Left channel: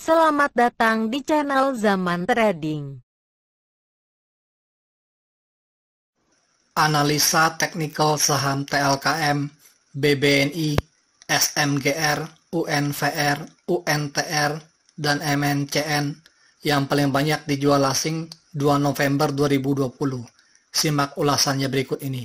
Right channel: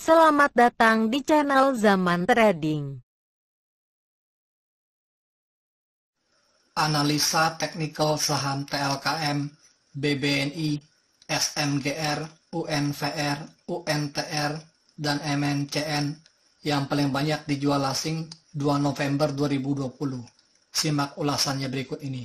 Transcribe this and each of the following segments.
Selamat datang di channel Zaman Trading. Analisa teknikal saham TLKM, BBNI, SMGR, UNVR, UNTR, dan MNCN yang paling banyak dijual asing 2 November 2020. Simak ulasannya berikut ini.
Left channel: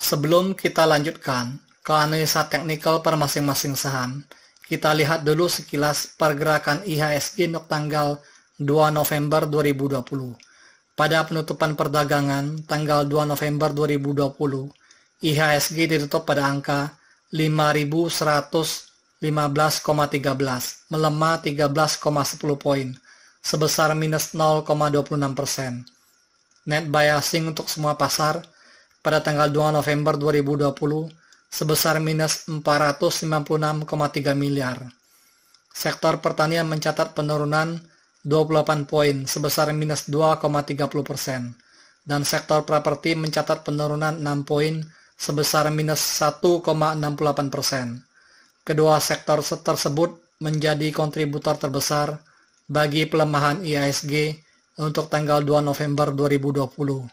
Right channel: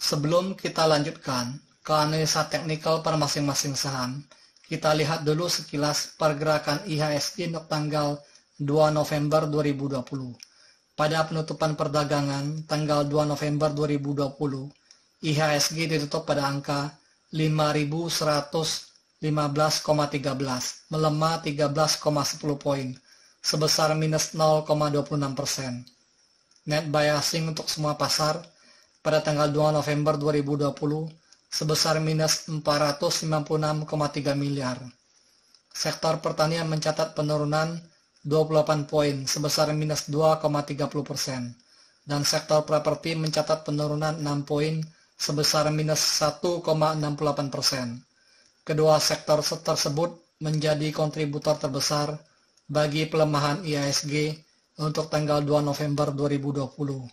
Sebelum kita lanjutkan ke analisa teknikal per masing-masing saham, kita lihat dulu sekilas pergerakan IHSG untuk tanggal 2 November 2020. Pada penutupan perdagangan tanggal 2 November 2020, IHSG ditutup pada angka 5.115,13, melemah 13,10 poin, sebesar minus 0,26%. Net buy asing untuk semua pasar pada tanggal 2 November 2020 sebesar minus 496,3 miliar. Sektor pertanian mencatat penurunan 28 poin sebesar minus 2,30%, dan sektor properti mencatat penurunan 6 poin sebesar minus 1,68%. Kedua sektor tersebut menjadi kontributor terbesar bagi pelemahan IHSG untuk tanggal 2 November 2020.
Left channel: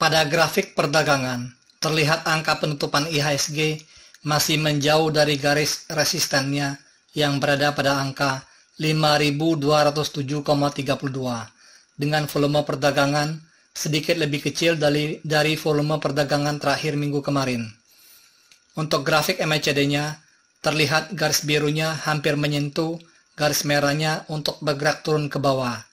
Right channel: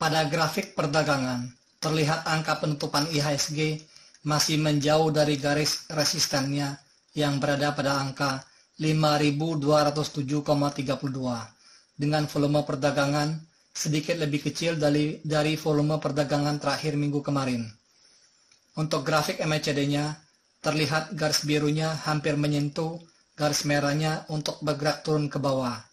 Pada grafik perdagangan, terlihat angka penutupan IHSG masih menjauh dari garis resistennya yang berada pada angka 5.207,32 dengan volume perdagangan sedikit lebih kecil dari volume perdagangan terakhir minggu kemarin. Untuk grafik MACD-nya, terlihat garis birunya hampir menyentuh garis merahnya untuk bergerak turun ke bawah.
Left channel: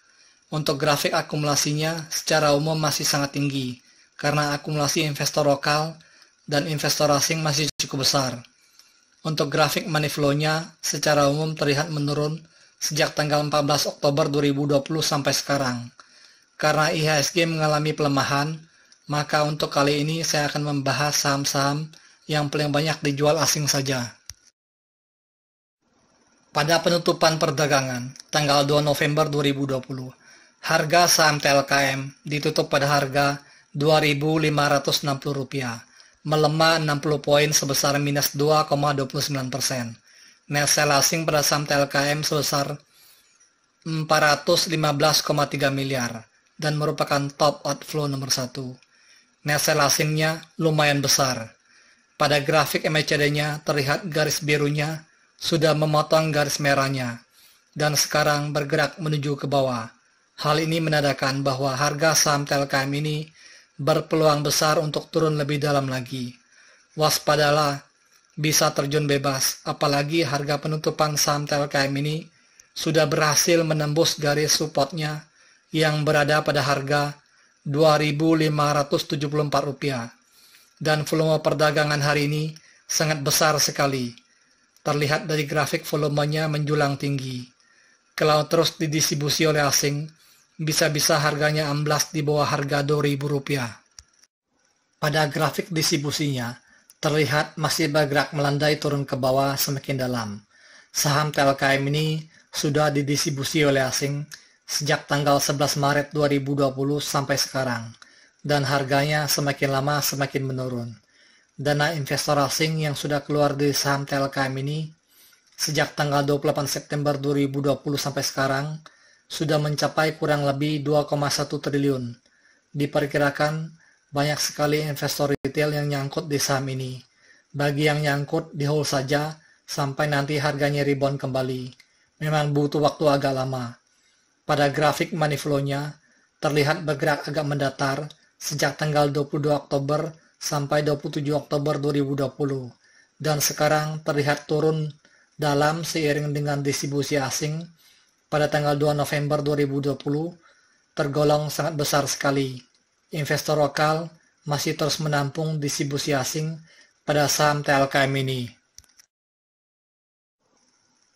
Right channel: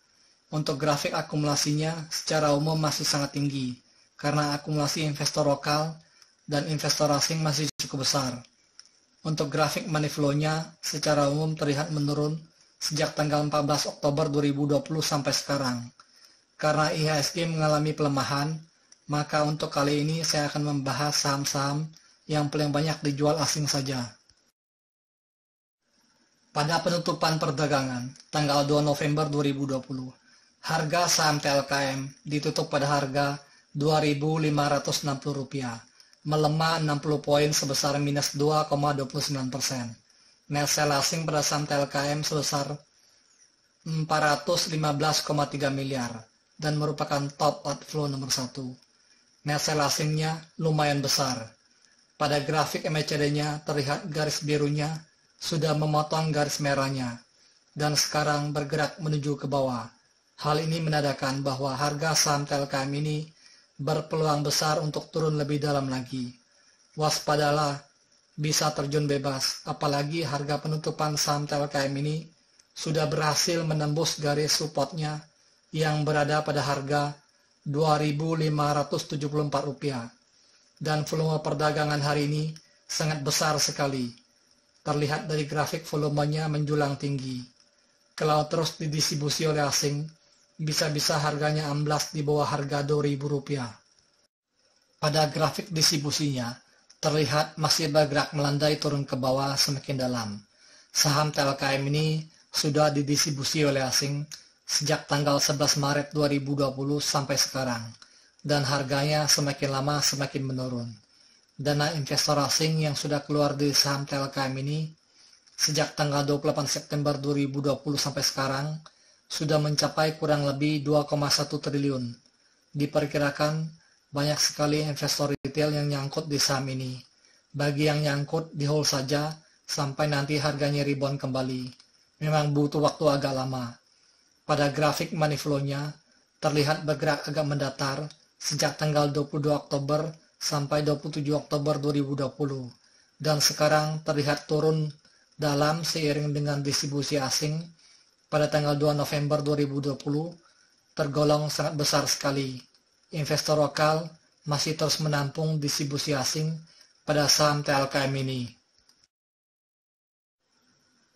Untuk grafik akumulasinya secara umum masih sangat tinggi karena akumulasi investor lokal dan investor asing masih cukup besar. Untuk grafik money flow-nya secara umum terlihat menurun sejak tanggal 14 Oktober 2020 sampai sekarang. Karena IHSG mengalami pelemahan, maka untuk kali ini saya akan membahas saham-saham yang paling banyak dijual asing saja. Pada penutupan perdagangan tanggal 2 November 2020, harga saham TLKM ditutup pada harga Rp2.560, melemah 60 poin sebesar minus 2,29%. Net sell asing pada saham TLKM sebesar 415,3 miliar dan merupakan top outflow nomor 1. Net sell asingnya lumayan besar. Pada grafik MACD-nya terlihat garis birunya sudah memotong garis merahnya dan sekarang bergerak menuju ke bawah. Hal ini menandakan bahwa harga saham TLKM ini berpeluang besar untuk turun lebih dalam lagi. Waspadalah, bisa terjun bebas, apalagi harga penutupan saham TLKM ini sudah berhasil menembus garis supportnya yang berada pada harga Rp2.574 dan volume perdagangan hari ini sangat besar sekali. Terlihat dari grafik volumenya menjulang tinggi. Kalau terus didistribusi oleh asing, bisa-bisa harganya amblas di bawah harga Rp2.000. Pada grafik distribusinya, terlihat masih bergerak melandai turun ke bawah semakin dalam. Saham TLKM ini sudah didistribusi oleh asing sejak tanggal 11 Maret 2020 sampai sekarang, dan harganya semakin lama semakin menurun. Dana investor asing yang sudah keluar dari saham TLKM ini sejak tanggal 28 September 2020 sampai sekarang sudah mencapai kurang lebih 2,1 triliun. Diperkirakan banyak sekali investor retail yang nyangkut di saham ini. Bagi yang nyangkut, di hold saja sampai nanti harganya rebound kembali. Memang butuh waktu agak lama. Pada grafik money flow-nya terlihat bergerak agak mendatar sejak tanggal 22 Oktober sampai 27 Oktober 2020 dan sekarang terlihat turun dalam seiring dengan distribusi asing pada tanggal 2 November 2020 tergolong sangat besar sekali. Investor lokal masih terus menampung distribusi asing pada saham TLKM ini.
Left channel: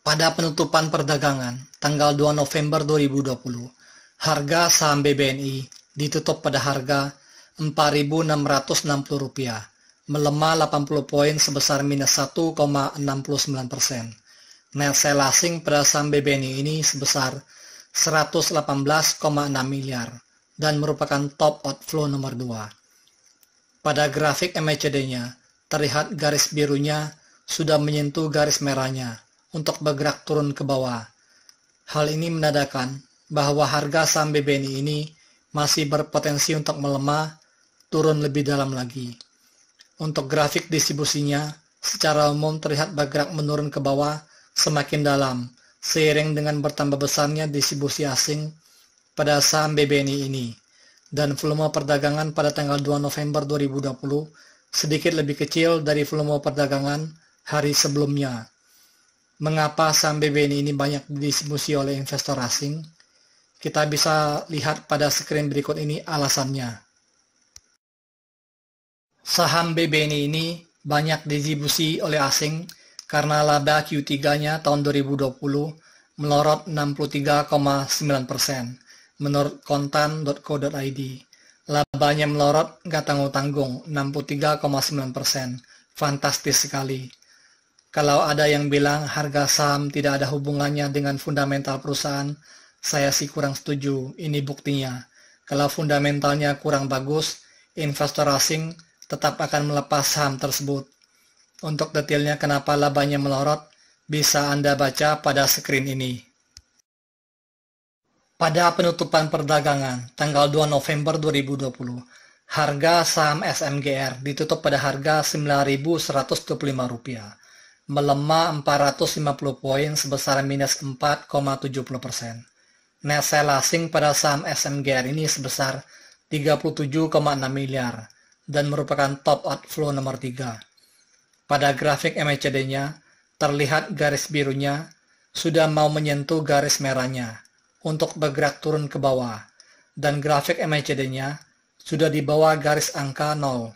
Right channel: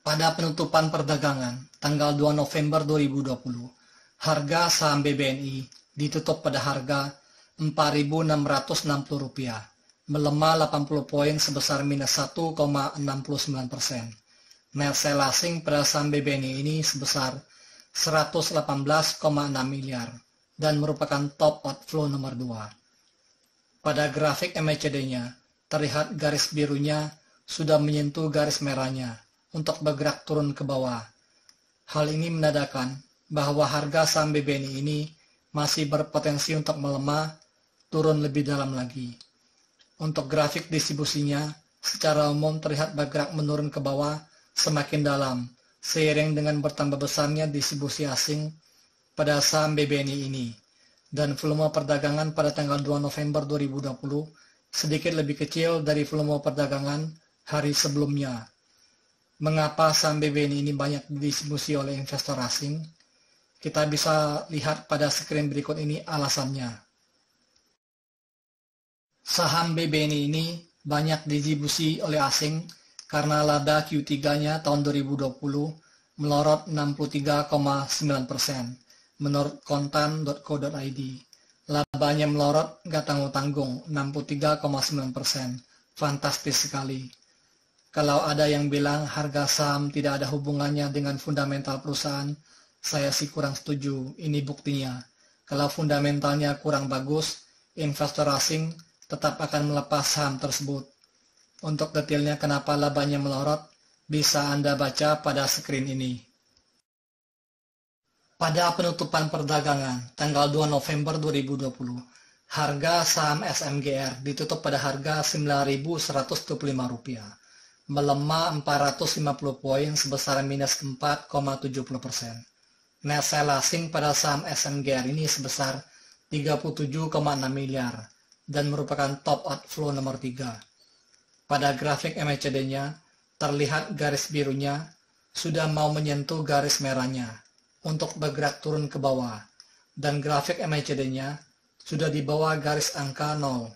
Pada penutupan perdagangan tanggal 2 November 2020, harga saham BBNI ditutup pada harga Rp4.660, melemah 80 poin sebesar minus 1,69%. Net sell asing pada saham BBNI ini sebesar 118,6 miliar dan merupakan top outflow nomor 2. Pada grafik MACD-nya, terlihat garis birunya sudah menyentuh garis merahnya untuk bergerak turun ke bawah. Hal ini menandakan bahwa harga saham BBNI ini masih berpotensi untuk melemah turun lebih dalam lagi. Untuk grafik distribusinya, secara umum terlihat bergerak menurun ke bawah semakin dalam, seiring dengan bertambah besarnya distribusi asing pada saham BBNI ini, dan volume perdagangan pada tanggal 2 November 2020 sedikit lebih kecil dari volume perdagangan hari sebelumnya. Mengapa saham BBNI ini banyak didistribusi oleh investor asing? Kita bisa lihat pada screen berikut ini alasannya. Saham BBNI ini banyak didistribusi oleh asing karena laba Q3-nya tahun 2020 melorot 63,9% menurut kontan.co.id. Labanya melorot gak tanggung-tanggung 63,9%. Fantastis sekali. Kalau ada yang bilang harga saham tidak ada hubungannya dengan fundamental perusahaan, saya sih kurang setuju. Ini buktinya. Kalau fundamentalnya kurang bagus, investor asing tetap akan melepas saham tersebut. Untuk detailnya kenapa labanya melorot, bisa Anda baca pada screen ini. Pada penutupan perdagangan tanggal 2 November 2020, harga saham SMGR ditutup pada harga Rp9.125, melemah 450 poin sebesar minus 4,70%. Net sale asing pada saham SMGR ini sebesar 37,6 miliar dan merupakan top outflow nomor 3. Pada grafik MACD-nya, terlihat garis birunya sudah mau menyentuh garis merahnya untuk bergerak turun ke bawah, dan grafik MACD-nya sudah di bawah garis angka 0,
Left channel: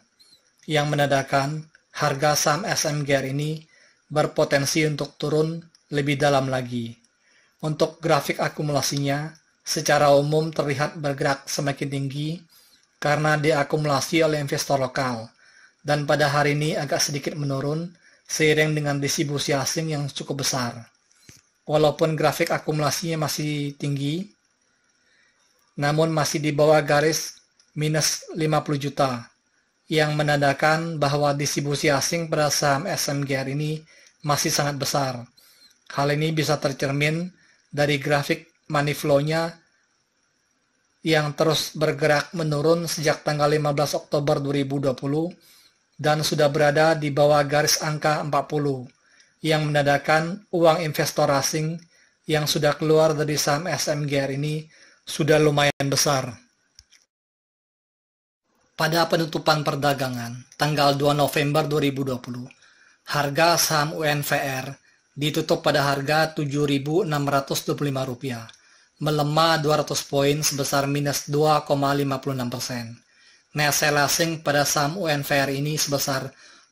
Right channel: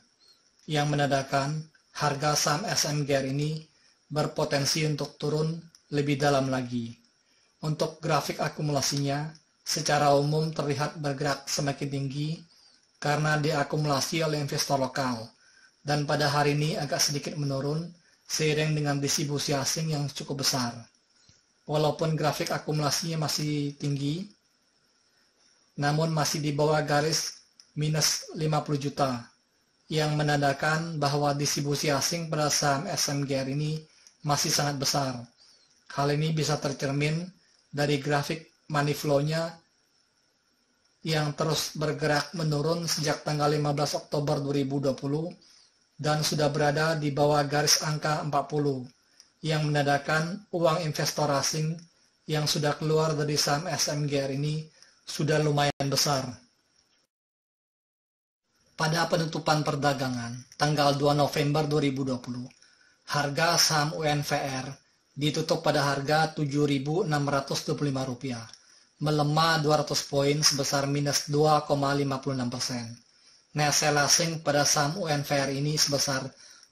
yang menandakan harga saham SMGR ini berpotensi untuk turun lebih dalam lagi. Untuk grafik akumulasinya, secara umum terlihat bergerak semakin tinggi karena diakumulasi oleh investor lokal, dan pada hari ini agak sedikit menurun seiring dengan distribusi asing yang cukup besar. Walaupun grafik akumulasinya masih tinggi, namun masih di bawah garis minus 50 juta, yang menandakan bahwa distribusi asing pada saham SMGR ini masih sangat besar. Hal ini bisa tercermin dari grafik money flow-nya yang terus bergerak menurun sejak tanggal 15 Oktober 2020 dan sudah berada di bawah garis angka 40, yang menandakan uang investor asing yang sudah keluar dari saham SMGR ini sudah lumayan besar. Pada penutupan perdagangan tanggal 2 November 2020, harga saham UNVR ditutup pada harga Rp7.625, melemah 200 poin sebesar minus 2,56%. Net sale asing pada saham UNVR ini sebesar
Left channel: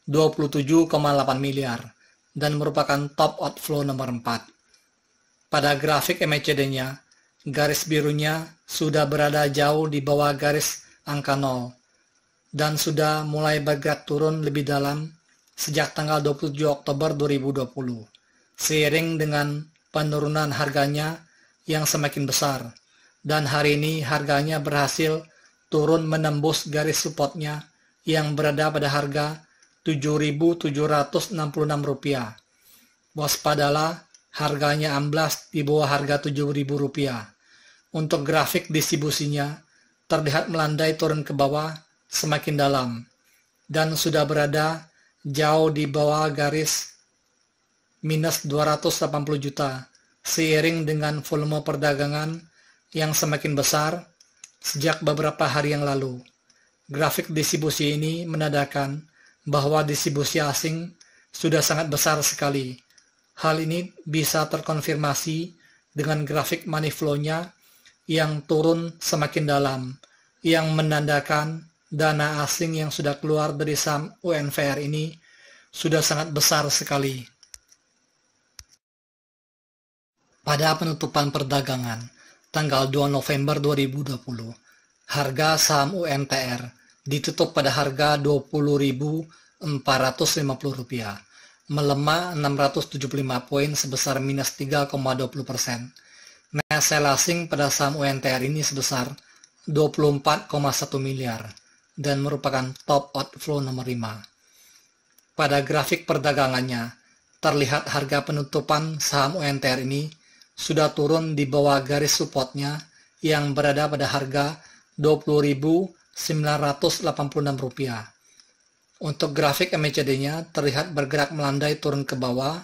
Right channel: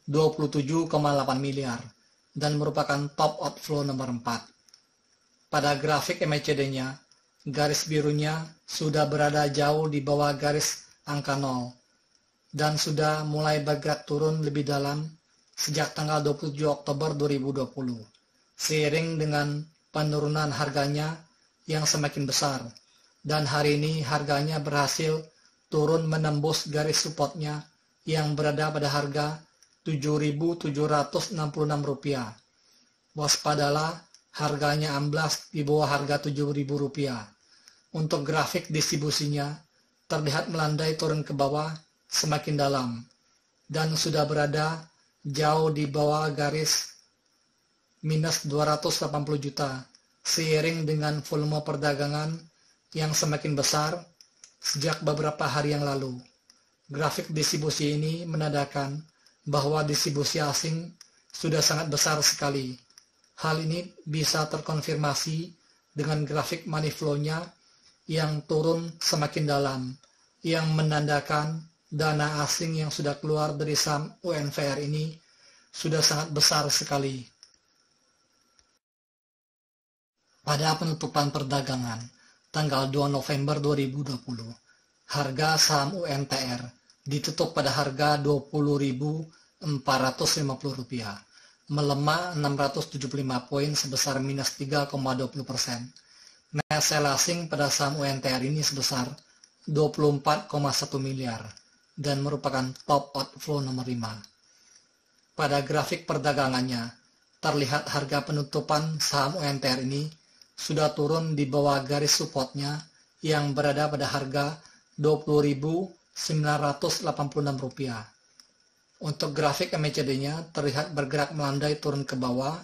27,8 miliar dan merupakan top outflow nomor 4. Pada grafik MACD-nya, garis birunya sudah berada jauh di bawah garis angka 0 dan sudah mulai bergerak turun lebih dalam sejak tanggal 27 Oktober 2020, seiring dengan penurunan harganya yang semakin besar, dan hari ini harganya berhasil turun menembus garis supportnya yang berada pada harga Rp7.766. Waspadalah, harganya amblas di bawah harga Rp7.000. Untuk grafik distribusinya, terlihat melandai turun ke bawah semakin dalam, dan sudah berada jauh di bawah garis minus 280 juta, seiring dengan volume perdagangan yang semakin besar sejak beberapa hari yang lalu. Grafik distribusi ini menandakan bahwa distribusi asing sudah sangat besar sekali. Hal ini bisa terkonfirmasi dengan grafik money flow-nya yang turun semakin dalam, yang menandakan dana asing yang sudah keluar dari saham UNVR ini sudah sangat besar sekali. Pada penutupan perdagangan tanggal 2 November 2020, harga saham UNTR ditutup pada harga Rp20.450, melemah 675 poin sebesar minus 3,20%. Net sale asing pada saham UNTR ini sebesar 24,1 miliar dan merupakan top outflow nomor 5. Pada grafik perdagangannya, terlihat harga penutupan saham UNTR ini sudah turun di bawah garis supportnya yang berada pada harga Rp20.986. Untuk grafik MACD-nya terlihat bergerak melandai turun ke bawah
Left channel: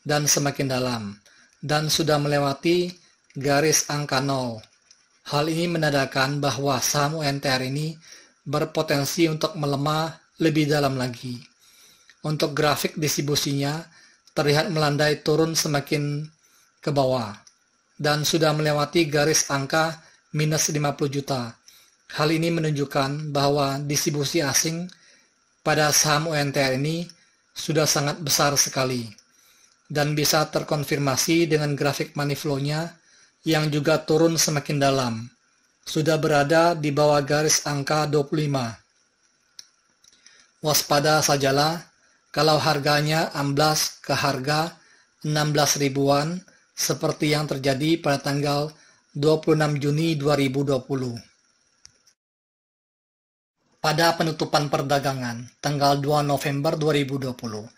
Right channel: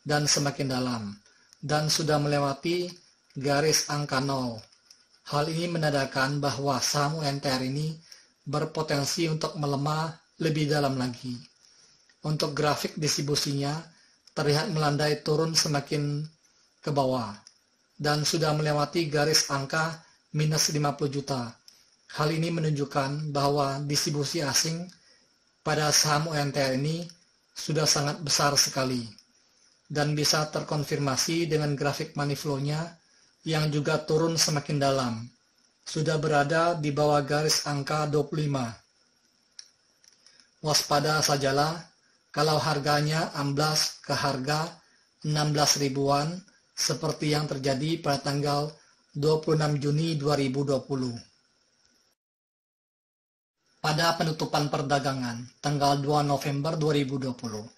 dan semakin dalam, dan sudah melewati garis angka 0. Hal ini menandakan bahwa saham UNTR ini berpotensi untuk melemah lebih dalam lagi. Untuk grafik distribusinya terlihat melandai turun semakin ke bawah dan sudah melewati garis angka minus 50 juta. Hal ini menunjukkan bahwa distribusi asing pada saham UNTR ini sudah sangat besar sekali dan bisa terkonfirmasi dengan grafik money flow-nya yang juga turun semakin dalam, sudah berada di bawah garis angka 25. Waspada sajalah kalau harganya amblas ke harga 16 ribuan seperti yang terjadi pada tanggal 26 Juni 2020. Pada penutupan perdagangan tanggal 2 November 2020,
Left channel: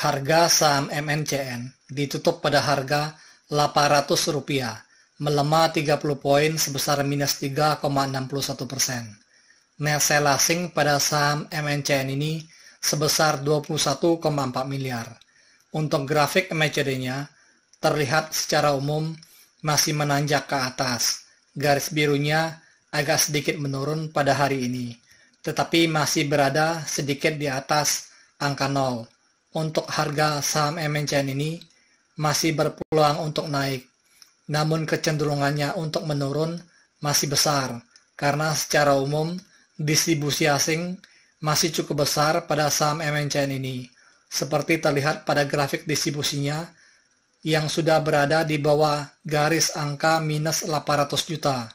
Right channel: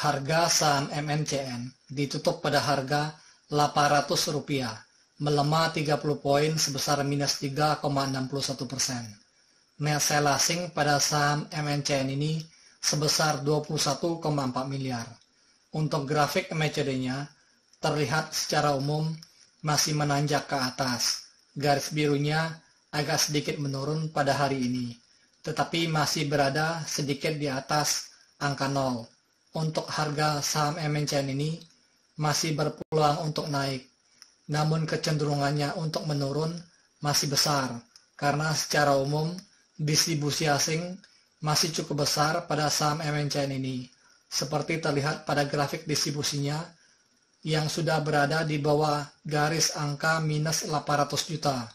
harga saham MNCN ditutup pada harga Rp800, melemah 30 poin sebesar minus 3,61%. Net sell asing pada saham MNCN ini sebesar 21,4 miliar. Untuk grafik MACD-nya terlihat secara umum masih menanjak ke atas. Garis birunya agak sedikit menurun pada hari ini, tetapi masih berada sedikit di atas angka 0. Untuk harga saham MNCN ini masih berpeluang untuk naik, namun kecenderungannya untuk menurun masih besar karena secara umum distribusi asing masih cukup besar pada saham MNCN ini, seperti terlihat pada grafik distribusinya yang sudah berada di bawah garis angka minus 800 juta.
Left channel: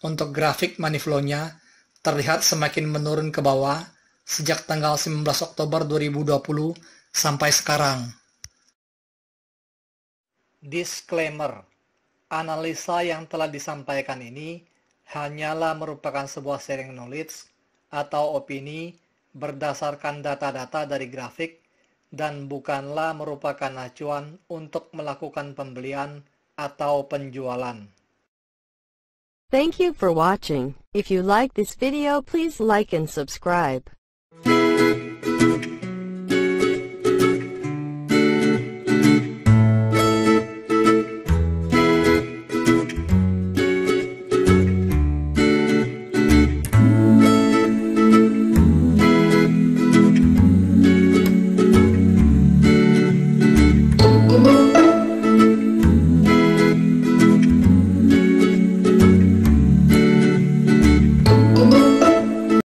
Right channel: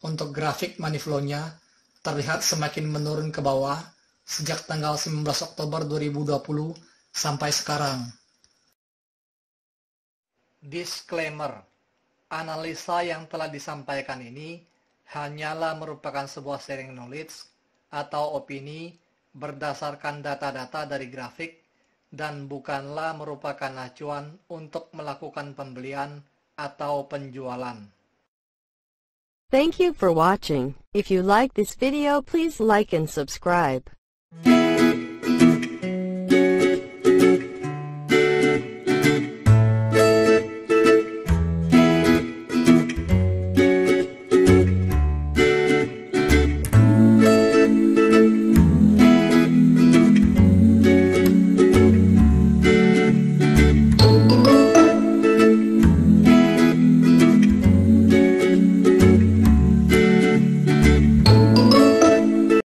Untuk grafik money flow-nya terlihat semakin menurun ke bawah sejak tanggal 19 Oktober 2020 sampai sekarang. Disclaimer, analisa yang telah disampaikan ini hanyalah merupakan sebuah sharing knowledge atau opini berdasarkan data-data dari grafik dan bukanlah merupakan acuan untuk melakukan pembelian atau penjualan. Thank you for watching. If you like this video, please like and subscribe.